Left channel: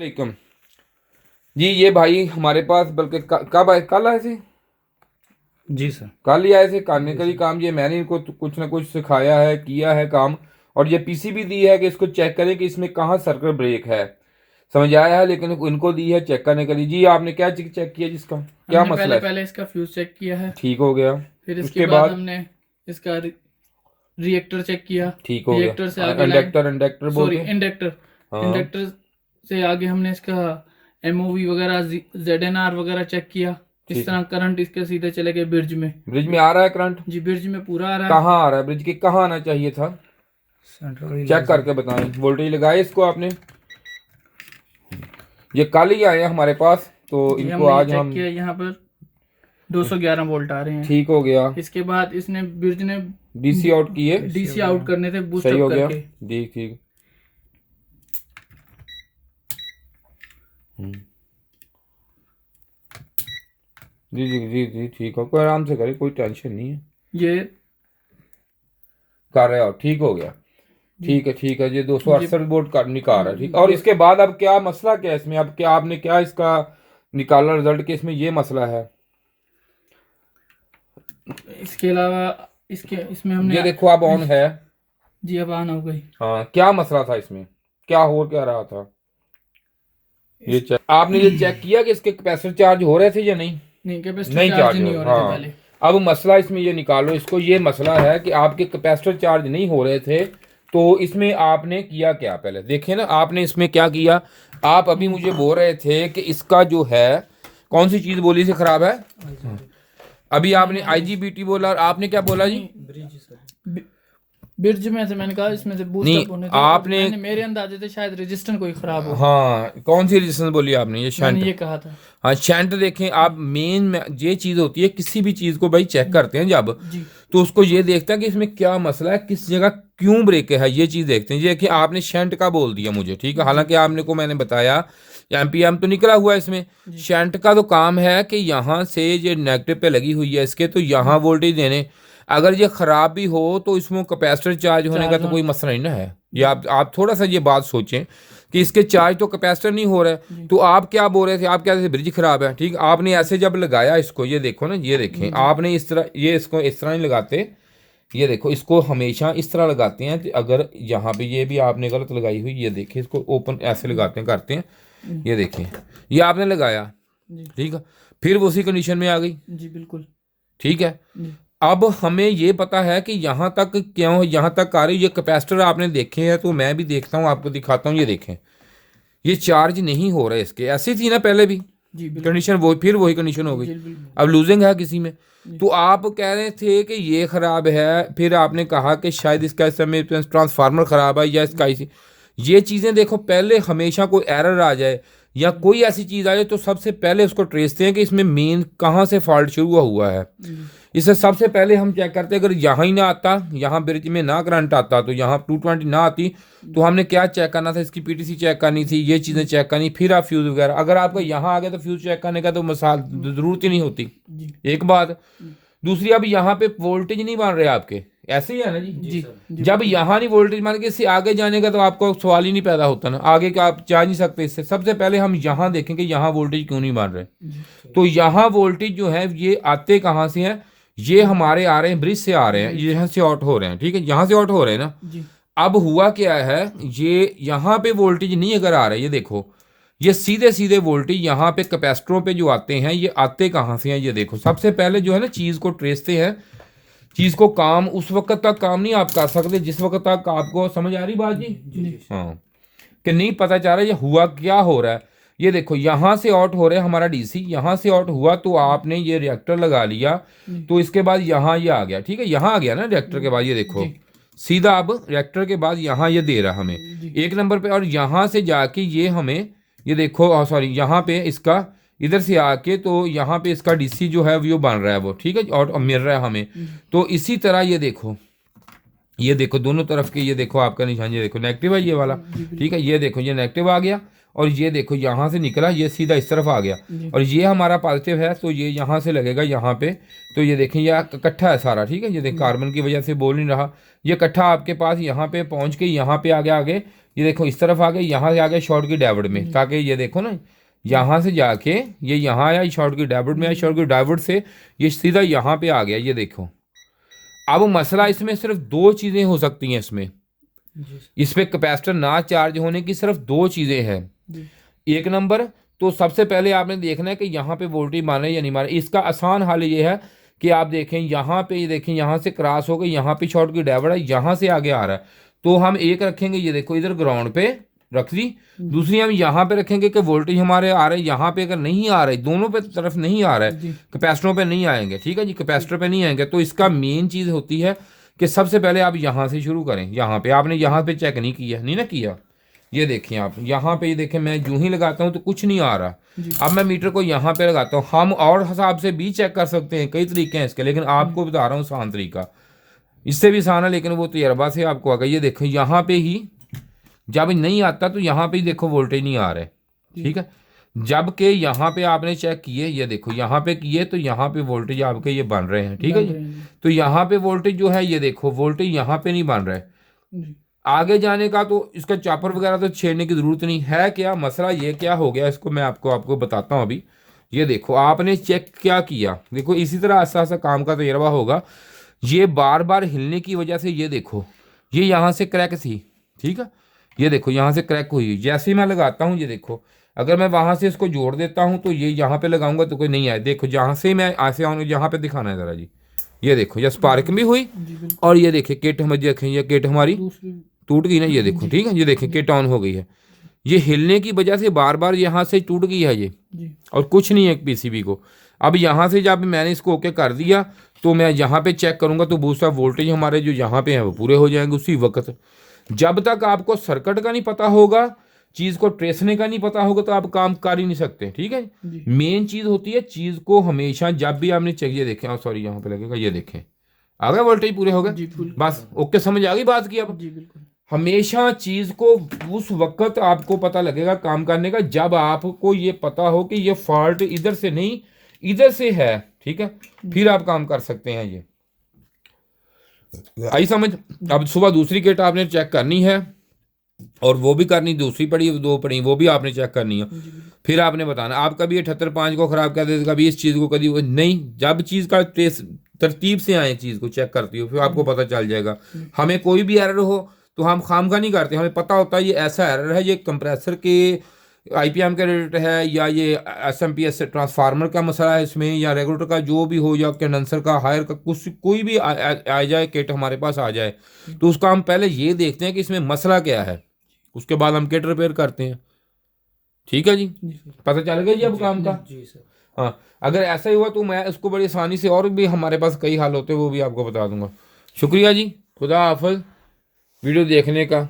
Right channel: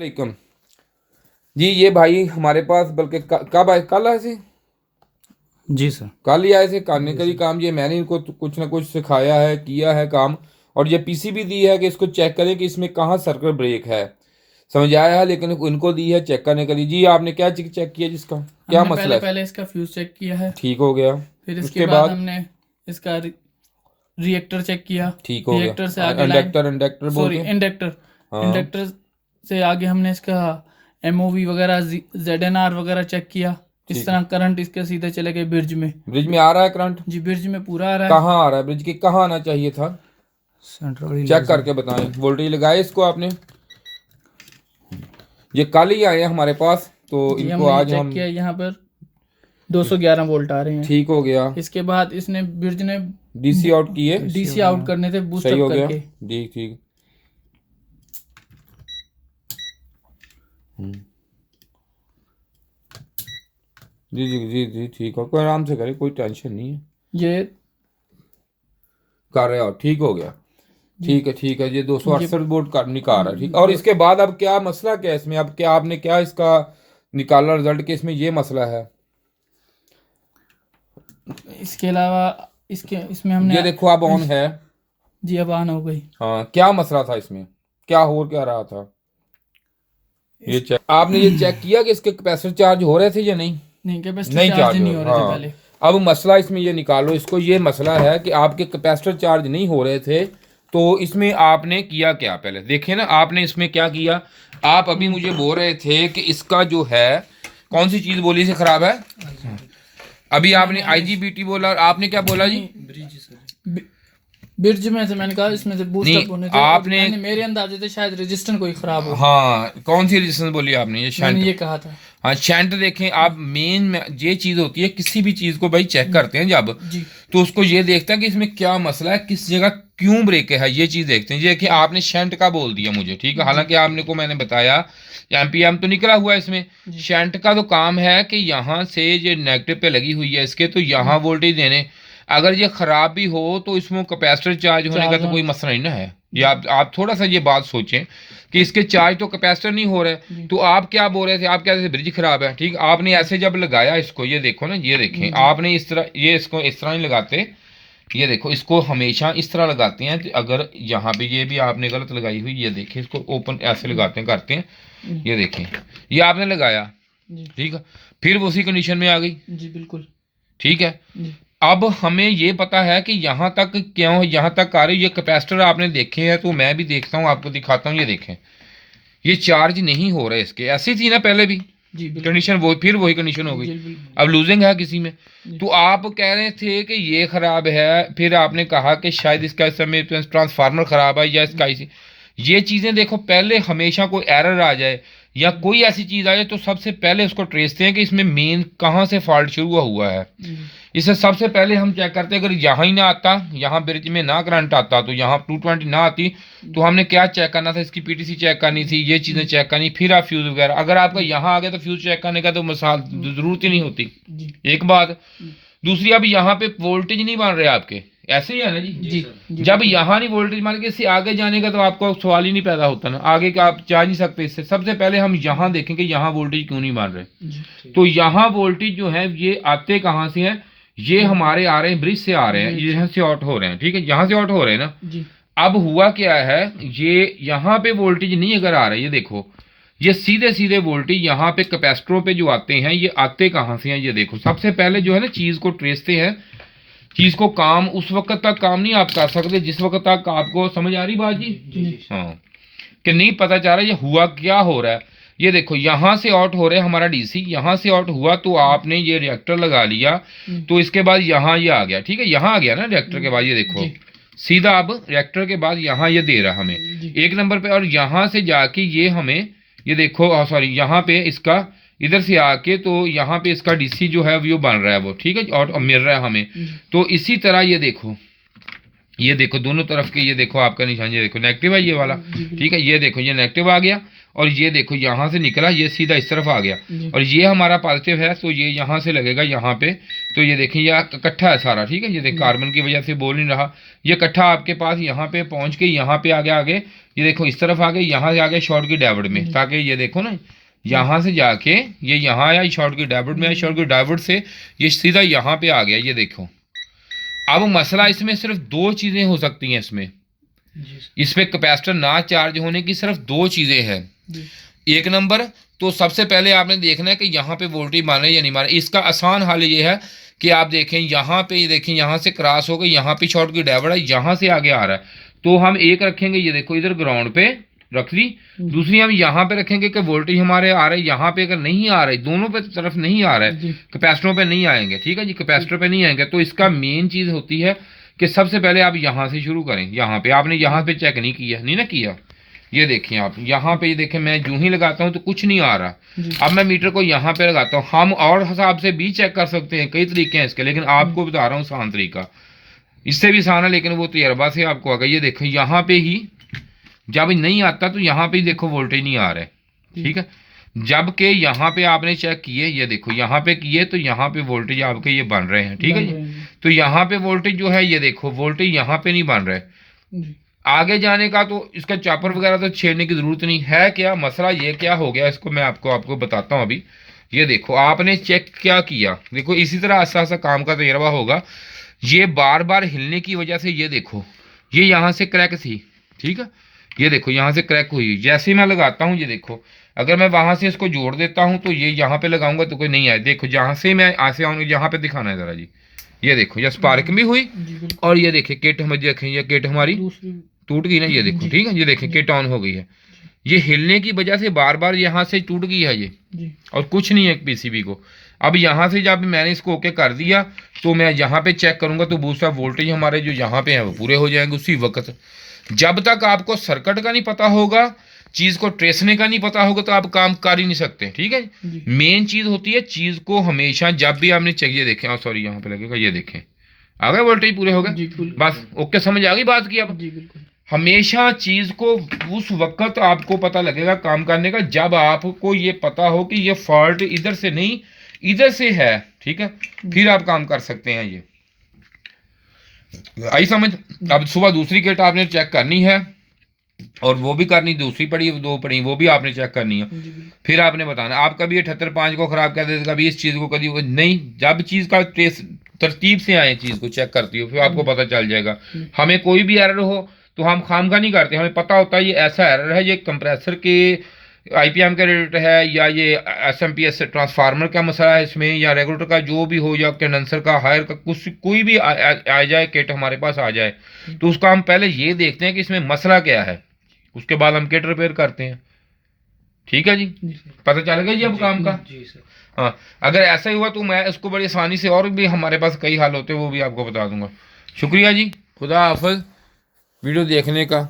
वालेकुम जी। ये भाई हमारे पास बल्कि कब आए, कल आए थे। जी सर। कल ही आए थे करने का ही काम। ये मैंने इनको कुछ ना कुछ सिखाया है, किया है काम। और ये पीसी भी दी है कि इसको चेक करें कि इसमें कहाँ सर्किट ब्रेक है। समझ आया है, लेकिन इनको दी है चेक करने के लिए। जी आपने क्या चेक किया, जिसका क्या हमने मसला पहले है। पहले इसका फ्यूज चेक किया है। ठीक हो गया। फिर इसके उसके बाद बाद हमने इसका रिएक्टर चेक किया। ठीक हो रिएक्टर से गया। आगे लाइन, इंडक्टर इंडक्टर सॉरी बोलते हैं। इंडक्टर। हाँ इंडक्टर से आगे हमने इसका एमओवी वगैरह, ZNR वगैरह चेक किया। इस ठीक है। तरह करंट इसके सीधे चले गए ब्रिज में। ब्रिज में आ रहा है करंट। जी, ब्रिज में पूरा आ रहा है। कहाँ आ रहा है, ब्रिज के कहाँ आना चाहिए था। सेंट्रल चेक करके बताएं, वोल्टेज लगाए इसको आपने। ये कल ही आए हैं हमारे पास, तो जी, इनको हमने ये आज चेक हम। किया, यहाँ पर 211 वोल्ट आ रहे हैं। ठीक हो गया। इसके बाद इसने ब्रिज ने डीसी आउट किए। डीसी आउट करने थे बूस्ट सही अप हो गया। करके। ठीक ठीक। हम्म, जी जी जी जी ठीक हो, कोई आराम से करे, कोई टेंशन नहीं है। ये कर रहे हो, ठीक हो गया। जी ठीक है ठीक है। ये ये 268 वोल्ट का निकाल रहा है। ठीक। और ये इसके बाद अब क्या मसला, क्या है इसमें, अब क्या आपने क्या इसका निकाला रिजल्ट के इसमें ये मसला है। इसके अलावा इसके इसमें हमने ये देखो अब ऑन है। जी अब ऑन हो गई। हाँ, क्या मसला था इसमें, क्या हो क्या रहा था। ये इस चेक आपने ये चेक किया कि इसके कैपेसिटर चार्ज हो रहे थे या नहीं। नहीं, कैपेसिटर नहीं चार्ज चार्ज हो, नहीं हो रहे थे हाँ। पहले। अब मसला इसमें ये निकालो इसको। ये मसला है कि आपके कैपेसिटर चार्ज नहीं हो रहे थे, तो इसमें आपने किया क्या, पहले देखिए ना आपने इसमें क्या किया। आप अभी मुझे बोल रहे थे कि इसका जो है, कौन सी चीज़ बोली से खराब है। अभी आपने आईजीबीटी बोला और आपने क्या बोला जी। ब्रिज में से मैंने कहा इसमें से बूस्ट नहीं अप होने थे, और आपने, मेरे अंदाजे थे शायद रजिस्टर कोई खराब हो। हाँ कौन सी रेजिस्टेंस बोली आपने, ये मैंने शंट। ये कहा था। हाँ शंट देखें आप, मेन ये चीज़ होती है किसी भी चीज़ को भाई चेक करते हैं जब, जी तो उसको ये देखते हैं कि इसमें क्या मसला है, किस जगह क्यों ब्रेक है, ये चीज़ देखते हैं। ये कि आपने शंट का बोल दिया मुझे, ठीक है, हालांकि आपने को मैंने बताया एमपीएम तो निकला हुआ है इसमें। शंट का तो काम है कि यहाँ से ये नेगेटिव पे लगी हुई है इसके, तो यहाँ वोल्टेज देने। अगर ये खराब भी हो तो इसमें कैपेसिटर चार्ज होने का तो कोई मसला नहीं ना है। ये आप थोड़ा सा ये बात सोचें कि इसके चार्ज तो कैपेसिटर नहीं हो रहे। तो आप क्या बोल रहे थे, आप क्या, ब्रिज खराब है, ठीक। आपने ऐसे जब लगाया इसको, ये देखो ना, ये देखें आपने इस तरह, ये इसको इस तरह नहीं लगाते। ये देखो इसको हमेशा इस तरह लगाते हैं कि अगर यहाँ पे ये भी आपने गलत लगाई हुई, ये देखें इसको ओपन ऐसे लगाते हैं, करते हैं। ये देखें, ये आपने लगाया, ठीक है, फिर वो उसी कंडीशन में आ गई। जी बिल्कुल ठीक है। अब हमें ये पता है कि यहाँ तक क्यों, यहाँ तक आ रही, ये कैपेसिटर आपने देखे हैं, तो मैं भी देखता हूँ, आपको दिखाता हूँ। ये देखें, ये चार्ज नहीं हो रहे इसके, ऐसी थी ना पहले भी जी बिल्कुल। कंडीशन, वो फिर वही कंडीशन हो गई। अब लूजिंग है किसी में। तो आप कह रहे थे कि ये खराब है, फिर आपने कहा कि शायद इसका इस समय ट्रांसफार्मर खराब है या इसका इसी। ये चीज़ें देखो, पहले हमेशा कोई एरर आ जाए या कोई ऐसी चीज़ आ जाए तो सबसे पहले उसको ट्रेसते हैं कि इसमें मेन कहाँ से फॉल्ट शुरू हुआ है। इसे सबसे पहले हम चेक करते हैं, अगर यहाँ ही ना आता, यहाँ ब्रिज में ना करंट आता, तो यहाँ 220 ना आती, तो हमने क्या चेक करना था, इसकी पीटीसी चेक करनी थी, ये चीज़ें चेक करनी, फिर आप फ्यूज़ वगैरह। अगर आपका यहाँ आ गया तो फ्यूज़ चेक करने का तो मसाल ज़रूरत ही नहीं होती। एक बात। दूसरी, अब यहाँ पे वोल्टेज नहीं बन रहे आपके, ऐसे ही है ना जी। जब यहाँ नहीं वोल्टेज मान के इससे आगे जाने का तो आपको सवाल ही नहीं पैदा होता ना, आगे का आप जा नहीं सकते इससे। सबसे पहले हम यहाँ देखें कि यहाँ वोल्टेज क्यों नहीं बन रहे। तो यहाँ वोल्टेज जो है ये आते कहाँ से हैं, ये हमारे आ रहे हैं ब्रिज से आ रहे हैं, यहाँ से आउट हो रहे हैं, ठीक है, यहाँ से आउट हो रहे हैं ना। अब हुआ क्या है, ये यहाँ पे वोल्टेज नहीं अगर आ रहा है, ये देखो, ये सीधे सीधे वोल्टेज यहाँ पे कैपेसिटरों पे जो आते हैं, ये आते कहाँ से हैं, ये देखो। सबसे पहले जो है ना, चीज़ को ट्रेसते हैं। चीज़ को काम उस वक्त तक काम नहीं आप कर सकते जिस वक्त तक आपको, समझ आ रही बात जी। हाँ, कि नहीं पता चल रहा ये हुआ क्या हो रहा है। ये देखो यहाँ से आउट हो रहा है हमारा डीसी, यहाँ से आउट हुआ तो आपने ये रिएक्टर लगा लिया, तो इसके बाद यहाँ ये आ गया, ठीक है, यहाँ आ गया ना रिएक्टर के बाद। ये देखो सीधा अब रिएक्टर के बाद यहाँ ये दे रहा हमें एक नंबर पे, और यहाँ से जाके ये हमें, ये देखो सॉरी, यहाँ पे इसका इधर से आके तो यहाँ पे इसका डीसी जो है वो बन रहा है वो, ठीक है, और मिल रहा है हमें। तो इसी तरह ये देखो, ये देखो दोनों तरफ के, ये देखो आपका निशान, ये देखो नेगेटिव है ये वाला, ठीक है। ये देखो ये नेगेटिव आ गया, और ये देखो यहाँ से निकला, ये सीधा इस तरफ आ गया, और ये हमारा पॉजिटिव है, तो ये यहाँ से लगेगा यहाँ पे। तो ये देखिए यह इकट्ठा है सारा, ठीक है। ये देखो कार्बन की वजह से बोल नहीं रहा, ये इकट्ठा आपके पास यहाँ पे पहुँच के यहाँ पे आ गया आगे। ये देखो इस तरफ आ गए, यहाँ से आ गए शॉर्ट की डायवर्ट में, ताकि ये देखो ना यहाँ से जाके ये यहाँ आया, शॉर्ट की डायवर्ट में आया, शॉर्ट की डायवर्ट से ये सीधा यहाँ पे आ गया। ये देखो अब मसला इसमें सिर्फ दो चीज़ें हो सकती हैं इसमें कैपेसिटर ना चार्ज होने की सिर्फ दो चीज़ें हैं। एक नंबर तो सबसे पहले आपने देखना है कि यहाँ पे वोल्टेज मारे या नहीं मारे। इसका आसान हल ये है कि आप देखें यहाँ पे, ये देखें यहाँ से क्रॉस हो गई, यहाँ पे शॉर्ट की डायवर्ट है, यहाँ से आगे आ रहा है, तो हम एक रखेंगे, ये देखो इधर ग्राउंड पे रख ली। दूसरी हम यहाँ पे रखेंगे कि वोल्टेज हमारे आ रहे हैं यहाँ पे, अगर नहीं आ रहे, दोनों पे तरफ नहीं आ रहा है, कैपेसिटरों पे नहीं आएंगे, ठीक है जी, कैपेसिटर पे नहीं आएंगे। तो इसका मेन चीज़ होती है कि सबसे पहले आप यहाँ से शुरू करें। यहाँ पे आपने यहाँ पे चेक नहीं किया, नहीं ना किया, ये देखें आप यहाँ पे, ये देखें मैं जूं ही लगाता हूँ तो कुछ नहीं आ रहा। अब मैं मीटर को यहाँ पे लगाता हूँ। हम और हिसाब से भी चेक कर सकते हैं, कई तरीके हैं इसके, लेकिन आपको बता रहा हूँ आसान तरीका, इससे भी आसान है, लेकिन वो तजर्बा से आपको आ गया। ये देखो यहाँ पे ही जब नहीं आता तो यहाँ पे ही देखो वोल्टेज नहीं आ रहा है, ठीक है। जबकि यहाँ पे आपने चेक किए, ये देखो यहाँ पे किए तो यहाँ पे वोल्टेज आपके ये बन रहे हैं, ठीक है जी। तो यहाँ पे वोल्टेज जो है, ये देखो वोल्टेज यहाँ पे नहीं बन रहा है। आगे जाने का तो इसका चापर वगैरह तो छेड़ने की ज़रूरत नहीं है। क्या मसला ये क्या हो गया, इसको मैं आपको बताता हूँ अभी। ये देखो आपने चेक क्या किया, देखो इसी तरह आस्ता आस्ता काम का तजर्बा होगा। ये बार बार हिलने की वजह से ये देखो ये यहाँ से क्रैक थी, ठीक है। ये देखो यहाँ से क्रैक हुई, जैसे ही मैं लगाता हूँ, ये देखो अगर मैं वहाँ से इसको जोड़ देता हूँ तो ये यहाँ पे लगाऊंगा तो कोई नहीं आए। देखो जहाँ से मैं आसे आऊँगा, यहाँ पे दिखाना है ज़रा जी। ये देखो ये स्पार्क भी हुई, और ये देखिए किट हम देखें, ये किट हमारी टूट गई ना, ये देखो, ठीक है। ये देखें किट ऑन हो गई है, ये हिलने की वजह से बार बार यहाँ से टूट गई है ये, और कुछ नहीं है पीसीबी को। अब यहाँ से जब मैंने इसको ओके कर दिया तो मैं यहाँ पे चेक करूँगा तो बूस्टर वोल्टेज हमारे जो यहाँ पे हैं वो पूरे हो जाएंगे उसी वक्त। जब तक आपको सर्किट का नहीं पता होगा, चीज़ को ट्रेसने का नहीं पता होगा, तो आप काम कर ही नहीं सकते, ठीक है। मेन चीज़ होती है चीज़ को हमेशा जब भी आपने चाहिए देखें, सॉरी यहाँ पे लगेगा, ये देखें आ गए वोल्टेज पूरे हो गए, बस ओके, समझ आ गई बात की। अब हमेशा चीज़ को उस वक्त आपको पता लगेगा काम करने का जब आपको ये पता हो कि ये फॉल्ट इधर से नहीं इधर से है, ठीक है, फिर आप काम कर सकते हैं। ये आई समझ। अब सुबह दूसरी किट आपने चेक करनी है, और वो भी करनी, दूसरी पड़ी दो पड़ी वो भी आपने चेक करनी है, फिर आपने बताना। आप कभी 78.5 को ख़राब कर देते, कभी इस चीज़ को, कभी नहीं, जब चीज़ का ट्रेस तरतीब से आए चीज़ को चेक करती हो, फिर आपको पता चल जाएगा। हमें कोई भी एरर हो तो हम खामखा नहीं करते, हमें पता होता है ये ऐसा एरर है, ये कंप्रेसर के IPM का रेट है, या ये SMPS ट्रांसफार्मर का मसला है इसमें, या रेगुलेटर का जो भी हो, या कंडेंसर का हायर का कुछ कोई भी आ जाए किट हमारे पास आ जाए, तो उसका हम पहले ये देखते हैं कि इसमें मसला क्या है, उसके बाद हम किट रिपेयर करते हैं, ठीक है जी। पता चल गया जी अब काम का। जी सर। हाँ, अगर ऐसा ही हुआ तो मैं इसको बड़ी आसानी से, और भी हमारे पास कई हल होते हैं वो भी आपको बता दूंगा। शुक्रिया जी, खुदा हाफिज़ वीडियो देखने का।